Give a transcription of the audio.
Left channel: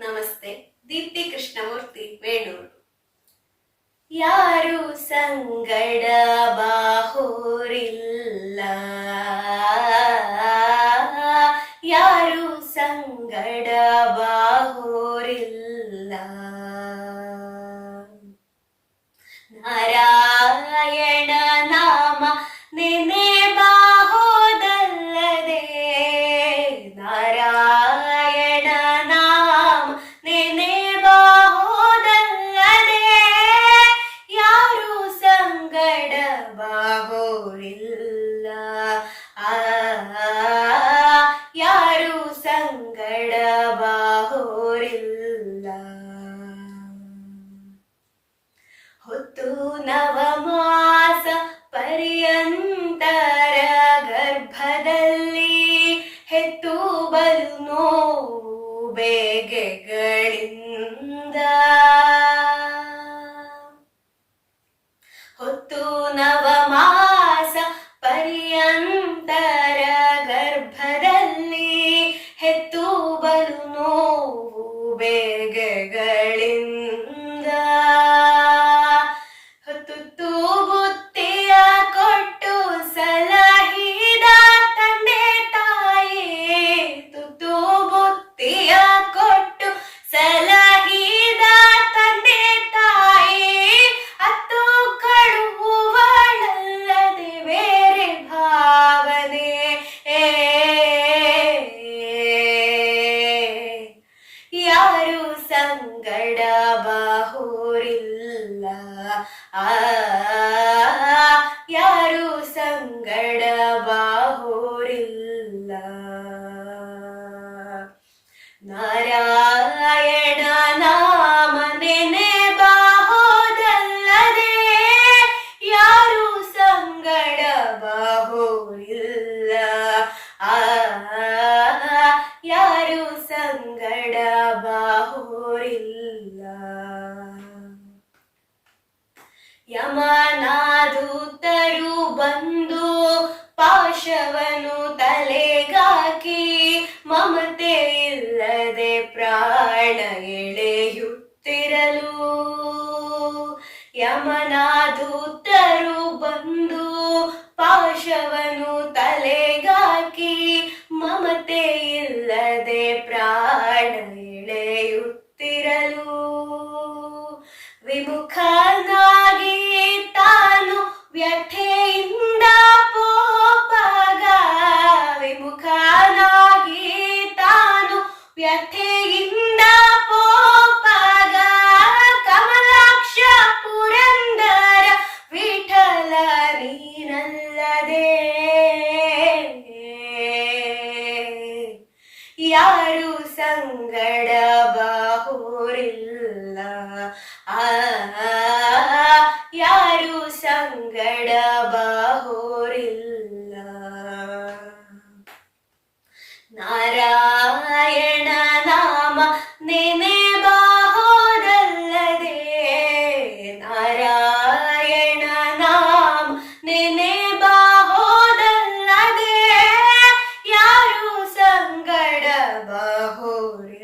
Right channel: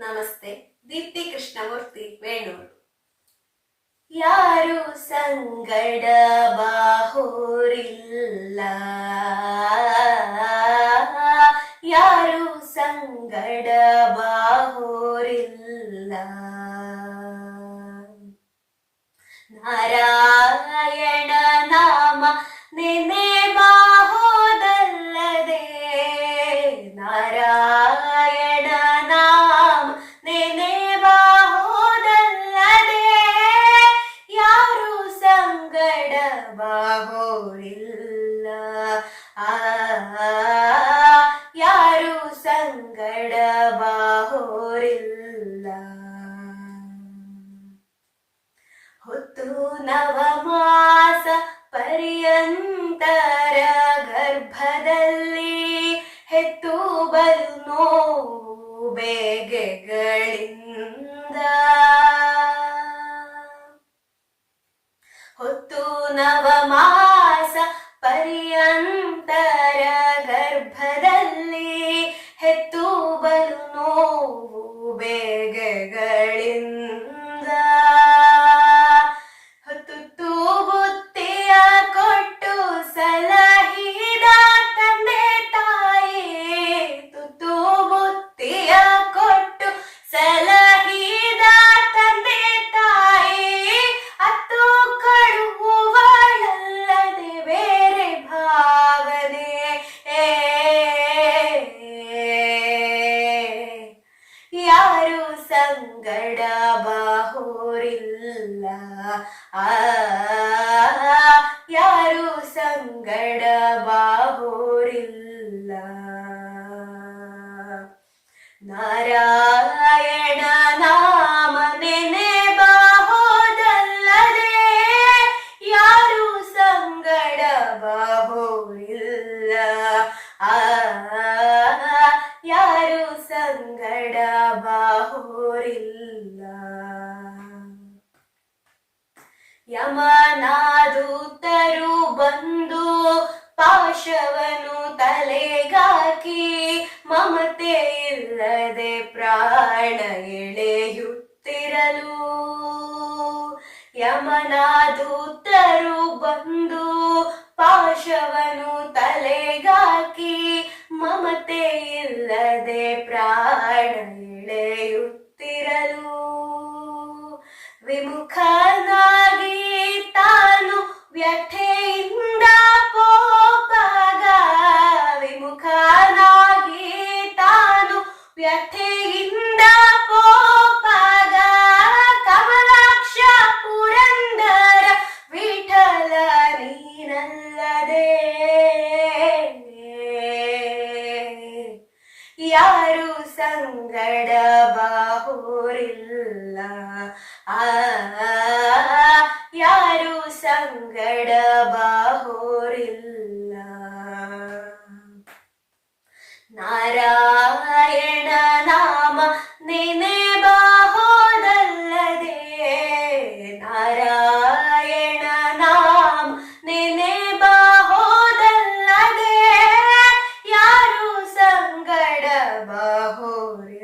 ನಮಸ್ತೆ ದೀಪ್ತಿ ಕೃಷ್ಣಮೂರ್ತಿ ವೇಣೂರು ಯಾರು ಸಂಗಡ ಬಾಹೋರಿಲ್ಲ ಯಾರು ಸಂಗಡ ಬಾಹೋರಿಲ್ಲ ನಾರಾಯಣ ಬಾಹೋರಿಲ್ಲ ಆ ಯಾರು ಸಂಗಡ ಬಾಹೋರಿಲ್ಲ ಹೊತ್ತು ನವಮಾಸ ಯಾರು ಸಂಗಡ ಬಾಹೋರಿಲ್ಲ ನಾರಾಯಣ ಯಮನಾದೂತರು ಬಂದು ಪಾಶವನು ತಲೆಗಾಕಿ ಮಮತೆ ಇಲ್ಲದೆ ಪ್ರಾಣ ಎಳೆಯುತ್ತಿರಲು. ಯಮನಾದೂತರು ಬಂದು ಪಾಶವನು ತಲೆಗಾಕಿ ಮಮತೆ ವ್ಯಥೆಯಿಂದ ಪೋಪಾಗ ಕಮಲಾಕ್ಷ ಪುರಂದರ ವಿಠಲ ನೀನಲ್ಲದೆ ಯಾರು ಸಂಗಡ ಬಾಹೋರಿಲ್ಲ ಆ ಯಾರು ಸಂಗಡ bahori